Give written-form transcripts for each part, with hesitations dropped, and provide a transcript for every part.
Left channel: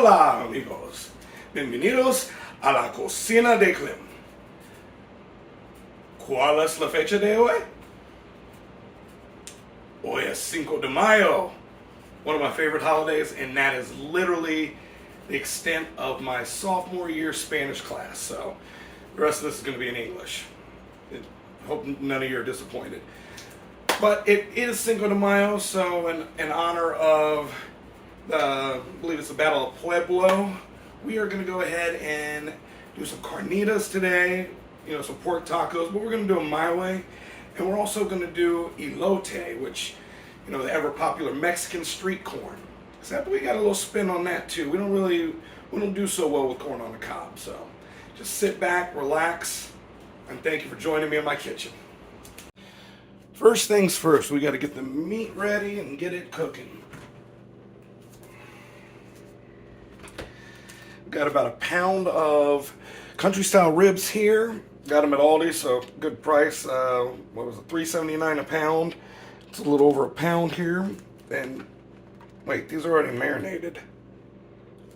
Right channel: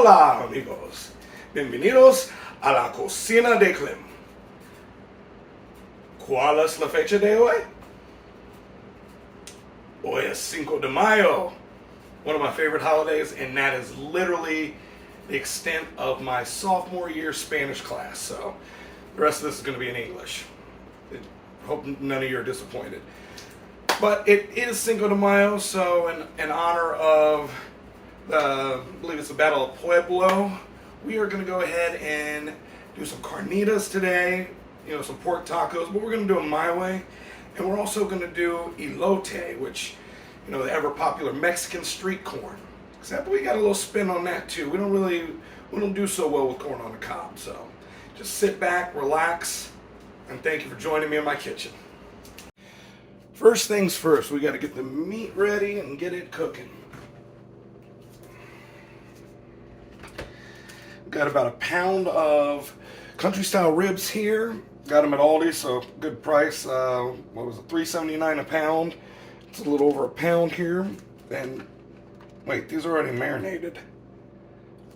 Hola amigos, bienvenidos a la cocina de Clem. ¿Cuál es la fecha de hoy? Hoy es Cinco de Mayo, one of my favorite holidays, and that is literally the extent of my sophomore year Spanish class. So the rest of this is going to be in English. Hope none of you are disappointed. But it is Cinco de Mayo, so in honor of I believe it's the Battle of Pueblo, we are going to go ahead and do some carnitas today, some pork tacos, but we're going to do them my way. And we're also going to do elote, which, the ever popular Mexican street corn. Except we got a little spin on that too. We don't do so well with corn on the cob. So just sit back, relax, and thank you for joining me in my kitchen. First things first, we got to get the meat ready and get it cooking. Got about a pound of country style ribs here. Got them at Aldi, so good price. What was it, $3.79 a pound? It's a little over a pound here. And wait, these are already marinated.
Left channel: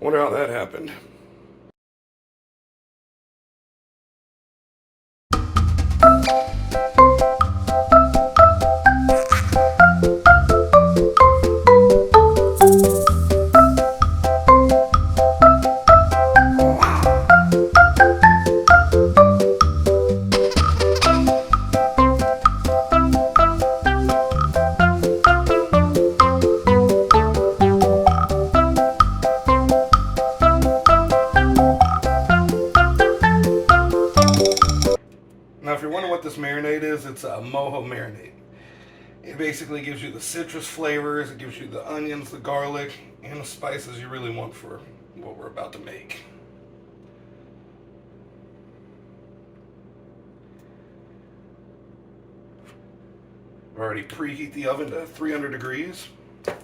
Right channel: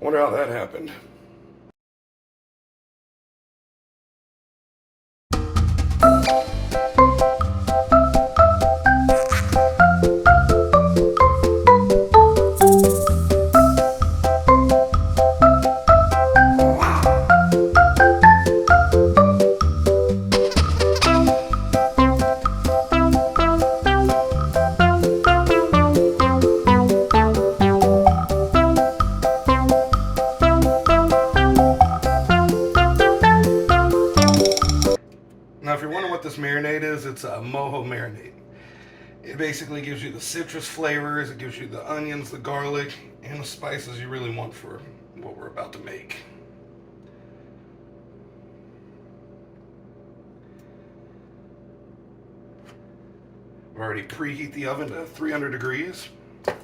Wonder how that happened. Now, if you're wondering what this marinade is, it's a mojo marinade. It basically gives you the citrus flavors, it gives you the onions, the garlic, and the spices you really want for what we're about to make. I've already preheat the oven to 300 degrees. Now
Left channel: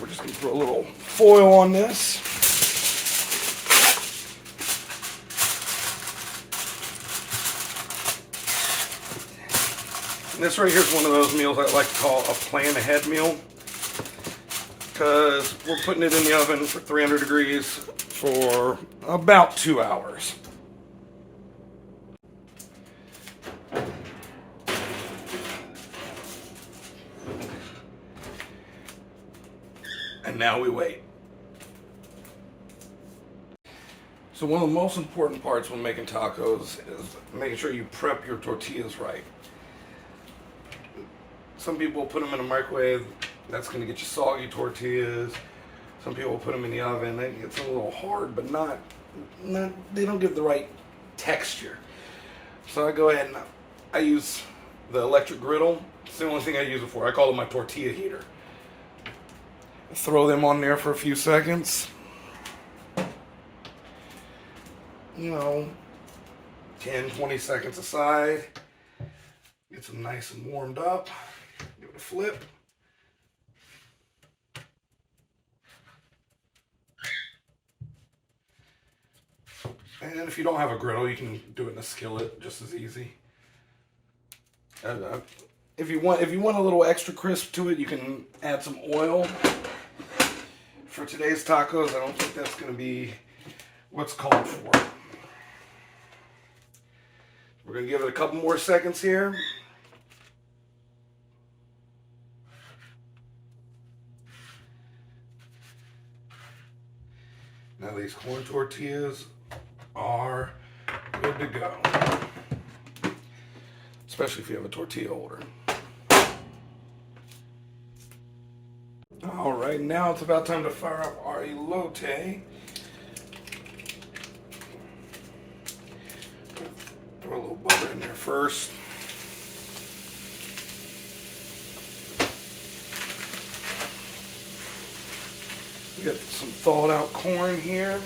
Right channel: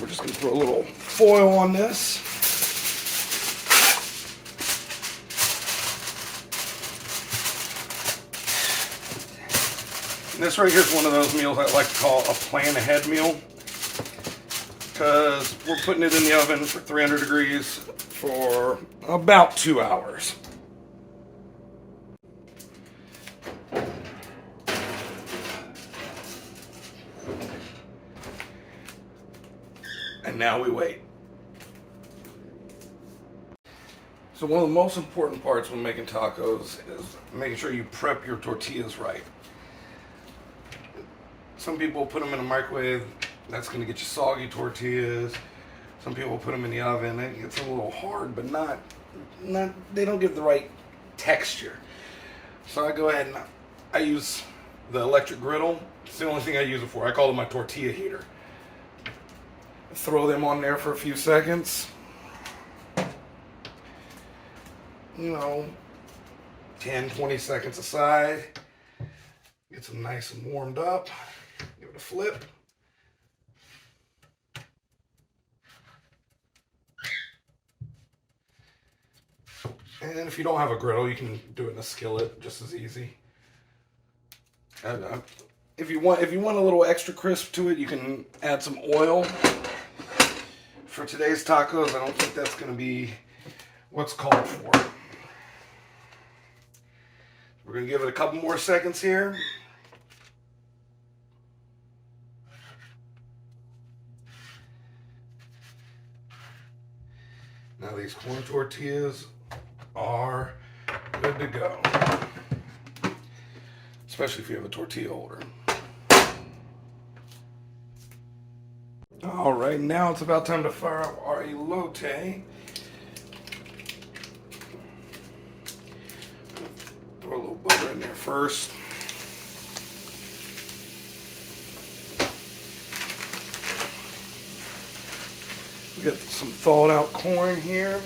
we're just going to put a little foil on this. And this right here is one of those meals I like to call a plan ahead meal, because we're putting it in the oven for 300 degrees for about 2 hours. And now we wait. So one of the most important parts when making tacos is making sure you prep your tortillas right. Some people put them in a microwave. That's going to get you soggy tortillas. Some people put them in the oven. It gets a little hard, but not. They don't get the right texture. So I go ahead and I use the electric griddle. It's the only thing I use it for. I call it my tortilla heater. Throw them on there for a few seconds. 10, 20 seconds aside. Get them nice and warmed up. Give it a flip. And if you don't have a griddle, you can do it in a skillet just as easy. And if you want a little extra crisp to it, you can add some oil. For today's tacos, I don't think that's going to be what's called for. We're going to give it a couple more seconds here. Now these corn tortillas are good to go. Especially if you have a tortilla holder. All right, now it's about time to fire up our elote. Throw a little butter in there first. We got some thawed out corn here.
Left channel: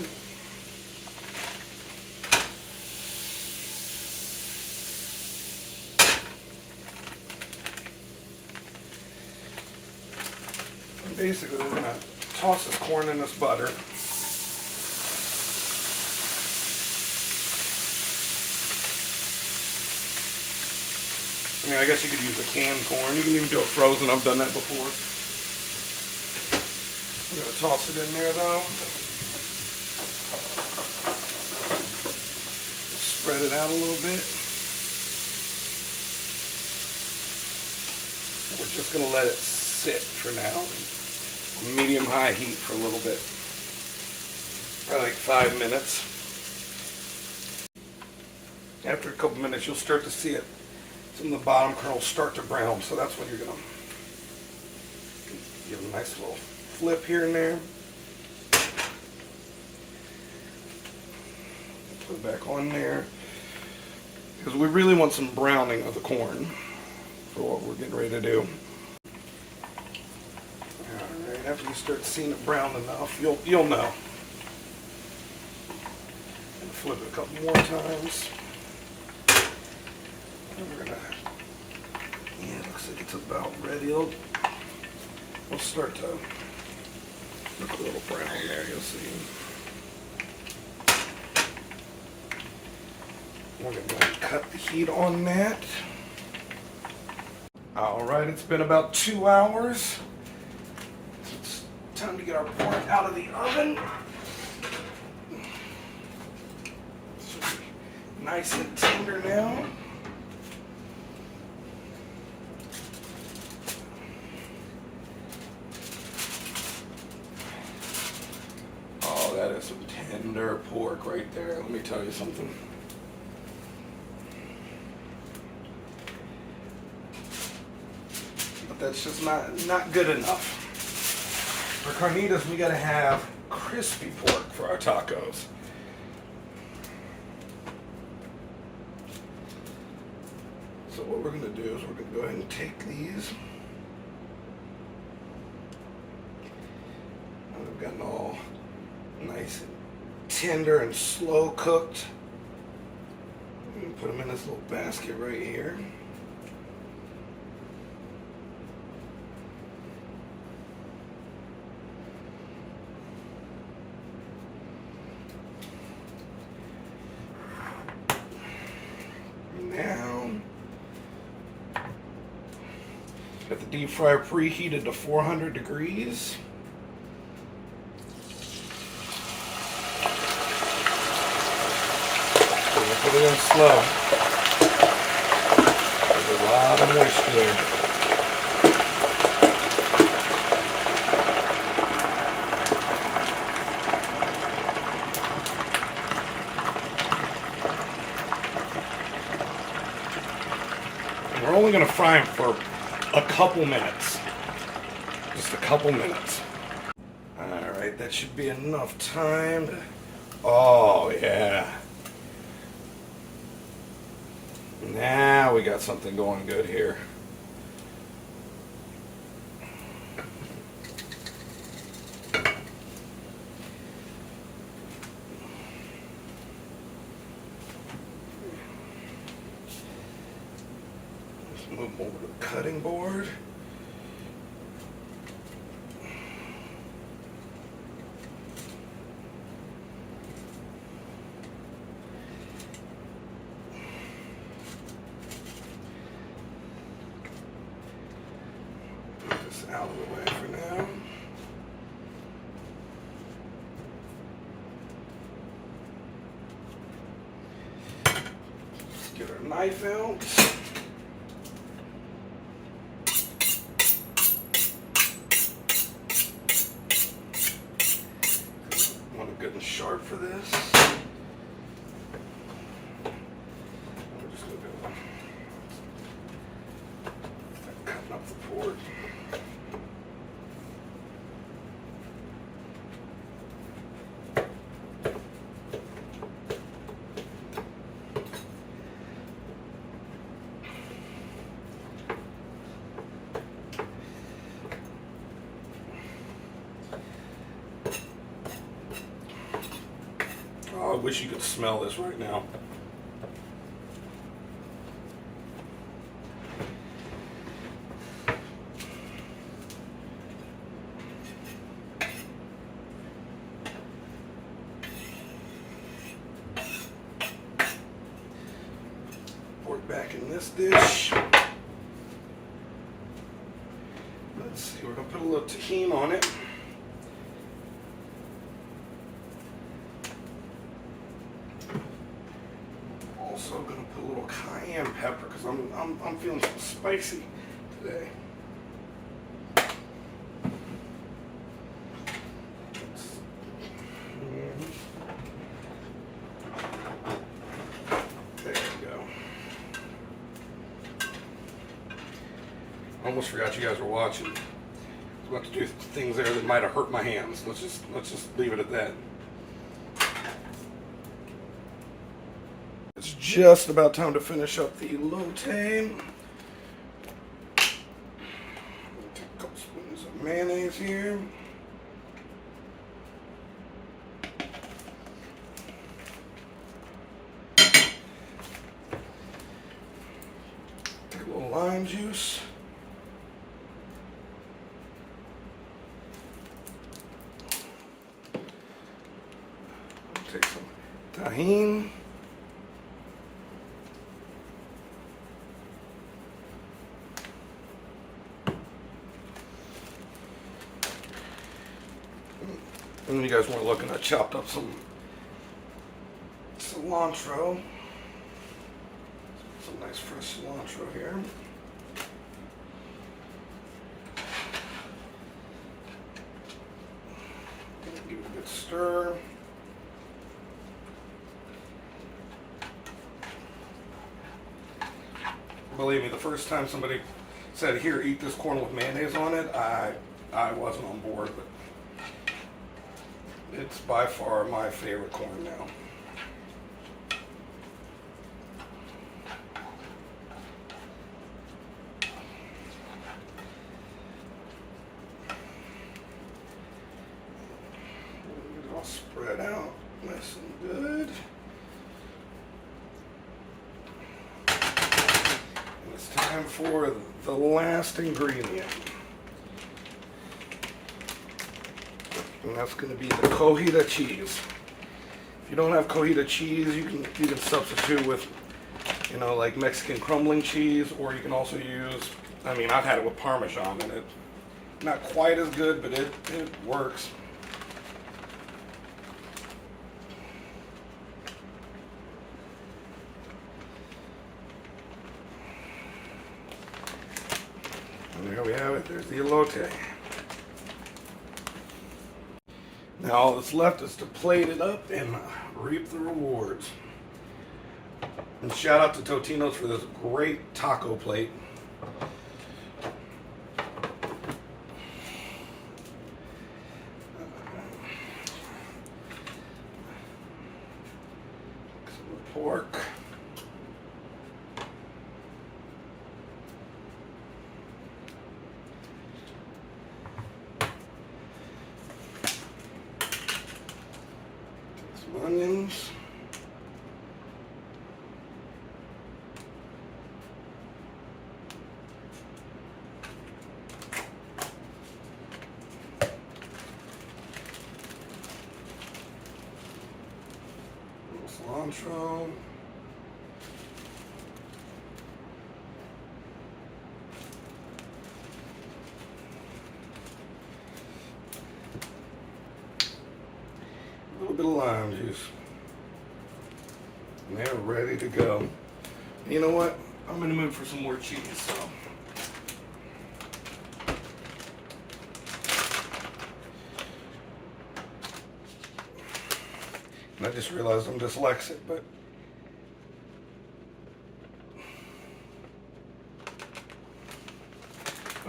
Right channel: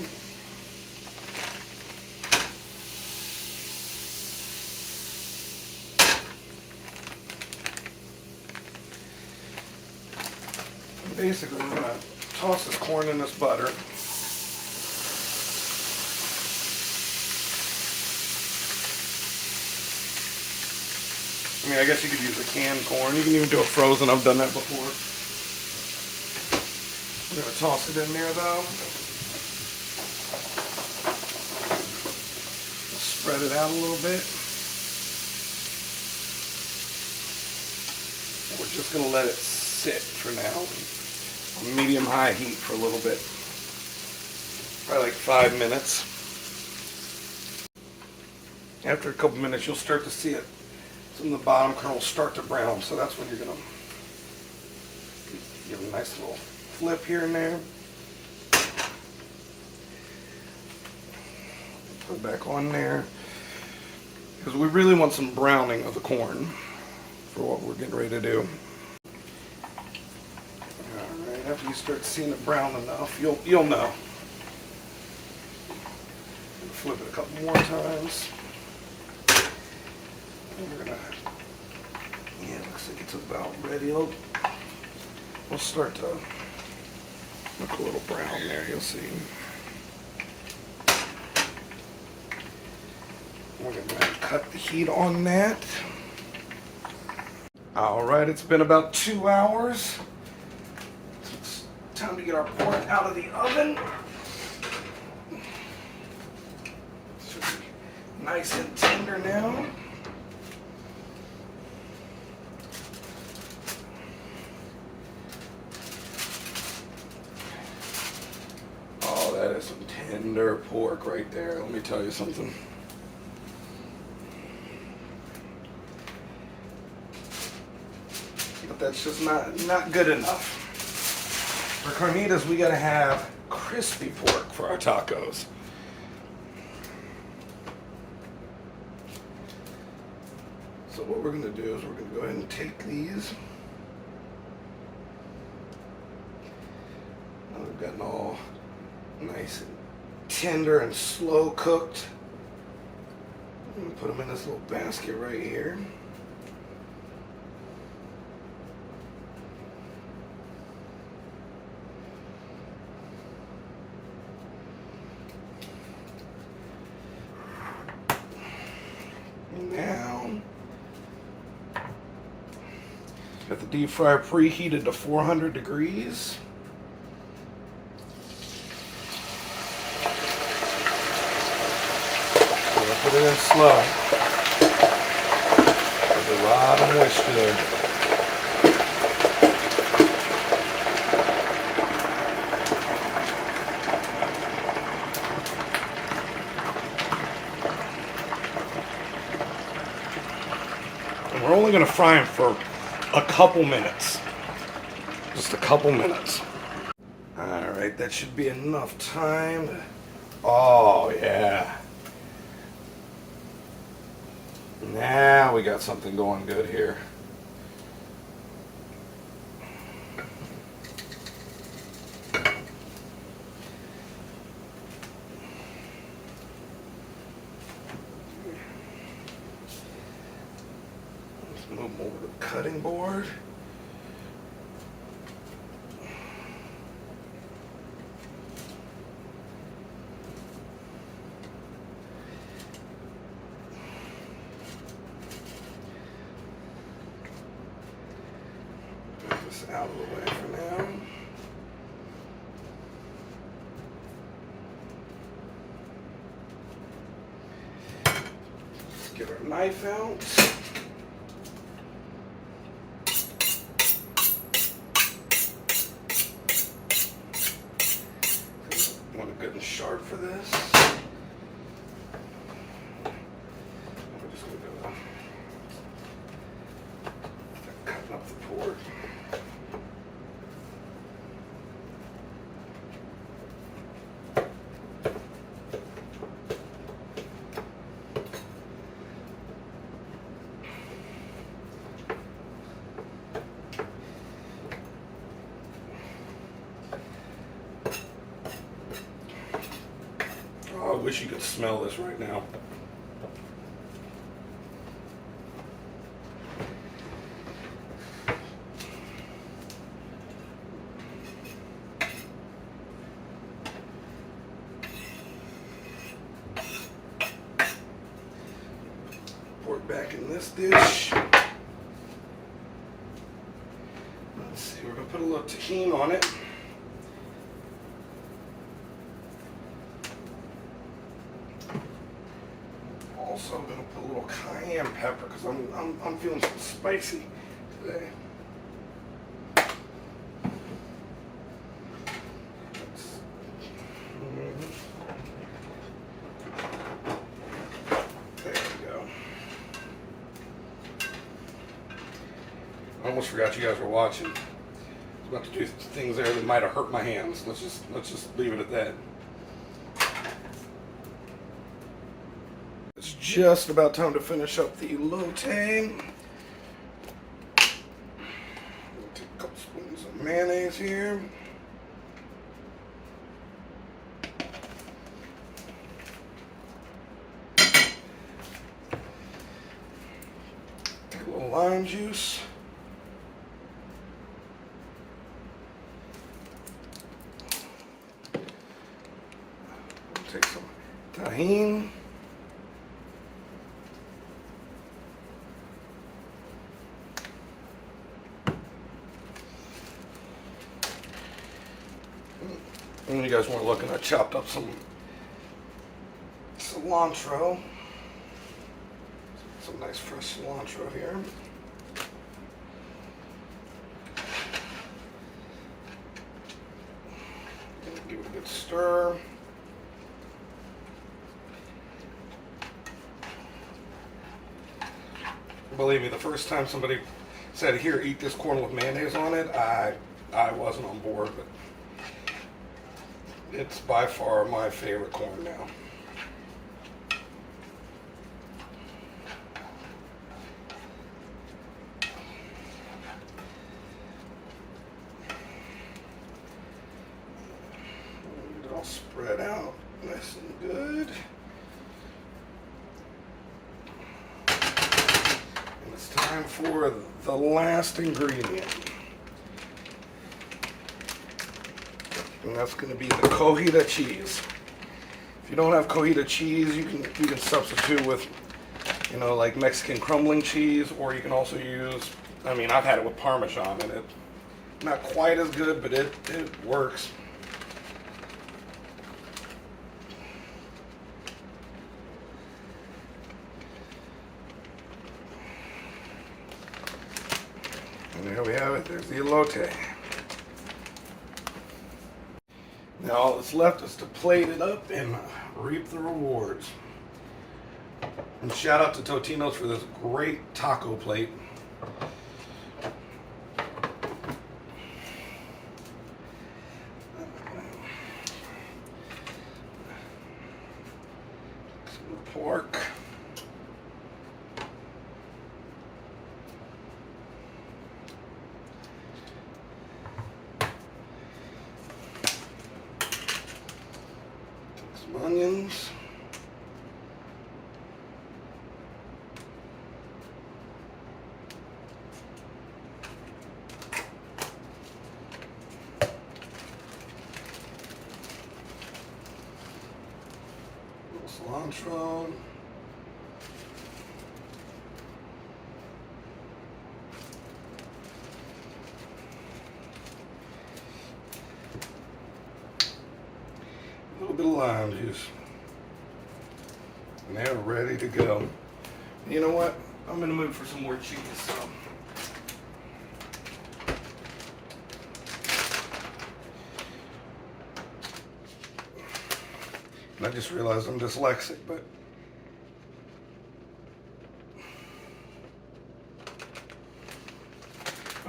And basically, we're going to toss this corn in this butter. I mean, I guess you could use a canned corn. You can even do it frozen. I've done that before. I'm going to toss it in there though. Spread it out a little bit. We're just going to let it sit for now. Medium-high heat for a little bit. Probably like 5 minutes. After a couple minutes, you'll start to see it. Some of the bottom kernels start to brown, so that's when you're going to give a nice little flip here and there. Put it back on there. Because we really want some browning of the corn for what we're getting ready to do. Alright, after you start seeing it brown enough, you'll know. Flip it a couple more times. And we're gonna, yeah, it looks like it's about ready. We'll start to look a little brown there, you'll see. We're gonna cut the heat on that. Alright, it's been about 2 hours. So it's time to get our pork out of the oven. Nice and tender now. Oh, that is some tender pork right there. Let me tell you something. But that's just not good enough. For carnitas, we gotta have crispy pork for our tacos. So what we're going to do is we're going to go ahead and take these. Now they've gotten all nice and tender and slow cooked. I'm going to put them in this little basket right here. Now, got the deep fryer preheated to 400 degrees. We're going to put it in slow. There's a lot of moisture there. And we're only going to fry them for a couple minutes. Just a couple minutes. Alright, that should be enough time. Oh, yeah. Now we got something going good here. Let's move over to the cutting board. Put this out of the way for now. Let's get our knife out. Good and sharp for this. We're just going to go cutting up the pork. I wish you could smell this right now. Pork back in this dish. Let's see, we're going to put a little tahini on it. pepper because I'm feeling some spicy today. There we go. I almost forgot you guys were watching. I was about to do things there that might have hurt my hands. Let's just leave it at that. It's just about time to finish up the elote. Take a couple spoons of mayonnaise here. Take a little lime juice. Take some tahini. And you guys weren't looking, I chopped up some cilantro. Some nice fresh cilantro here. Give it a good stir. Believe me, the first time somebody said, "Here, eat this corn with mayonnaise on it," I wasn't on board, but it's by far my favorite corn now. Get it all spread out nice and good. And it's time for the last ingredient. And that's going to be the cojita cheese. If you don't have cojita cheese, you can substitute with, you know, like Mexican crumbling cheese, or you can also use, I mean, I've had it with Parmesan in it. Not quite as good, but it works. And there we have it. There's the elote. Now all that's left is to plate it up and reap the rewards. And shout out to Totino's for this great taco plate. Some pork. Some onions. Cilantro. A little bit of lime juice. And they're ready to go. You know what? I'm in the mood for some more cheese, so. And I just realized I'm dyslexic, but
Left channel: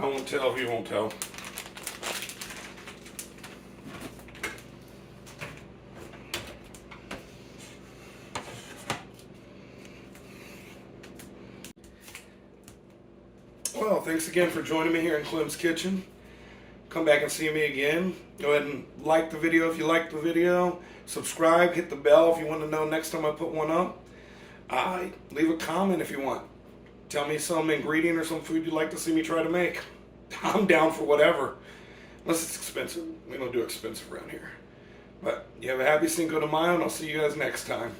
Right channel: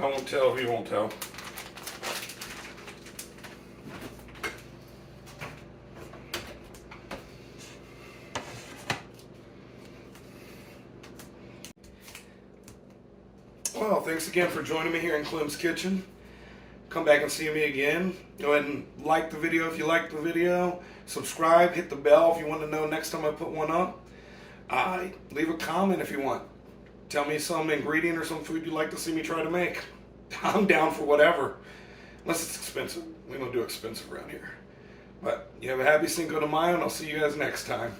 I won't tell if you won't tell. Well, thanks again for joining me here in Clem's Kitchen. Come back and see me again. Go ahead and like the video if you liked the video. Subscribe, hit the bell if you want to know next time I put one up. Leave a comment if you want. Tell me some ingredient or some food you'd like to see me try to make. I'm down for whatever. Unless it's expensive. We don't do expensive around here. But you have a happy Cinco de Mayo, and I'll see you guys next time.